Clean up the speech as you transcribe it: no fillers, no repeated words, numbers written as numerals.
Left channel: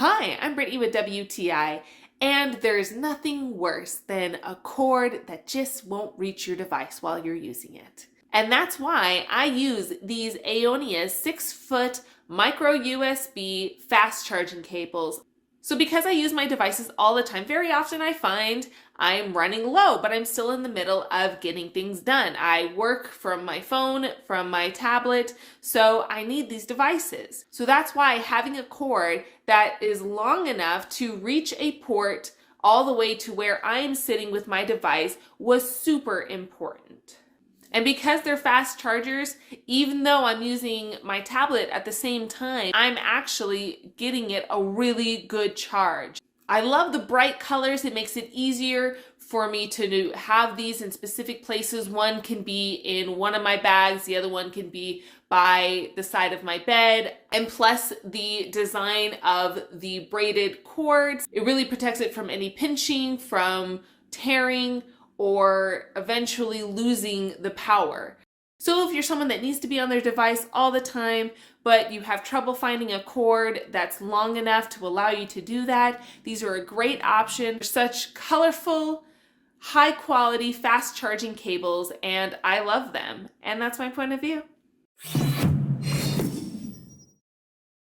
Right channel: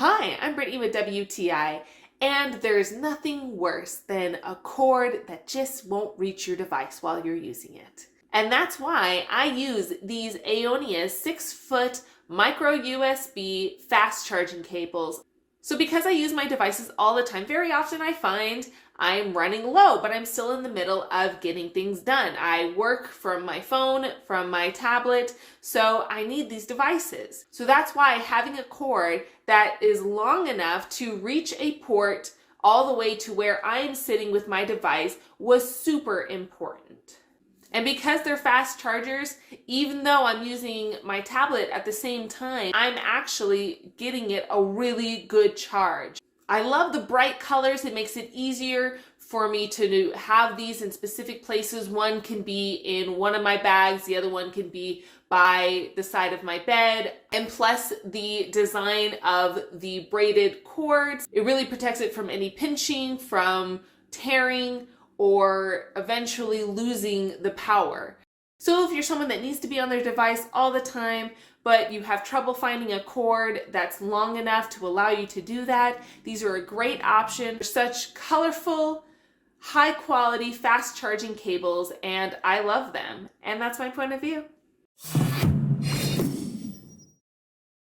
Hi, I'm Brittany with WTI, and there's nothing worse than a cord that just won't reach your device while you're using it. And that's why I use these Aioneus 6-foot micro USB fast charging cables. So because I use my devices all the time, very often I find I'm running low, but I'm still in the middle of getting things done. I work from my phone, from my tablet, so I need these devices. So that's why having a cord that is long enough to reach a port all the way to where I'm sitting with my device was super important. And because they're fast chargers, even though I'm using my tablet at the same time, I'm actually getting it a really good charge. I love the bright colors. It makes it easier for me to have these in specific places. One can be in one of my bags, the other one can be by the side of my bed. And plus the design of the braided cords, it really protects it from any pinching, from tearing, or eventually losing the power. So if you're someone that needs to be on their device all the time, but you have trouble finding a cord that's long enough to allow you to do that, these are a great option. They're such colorful, high quality, fast charging cables, and I love them. And that's my point of view.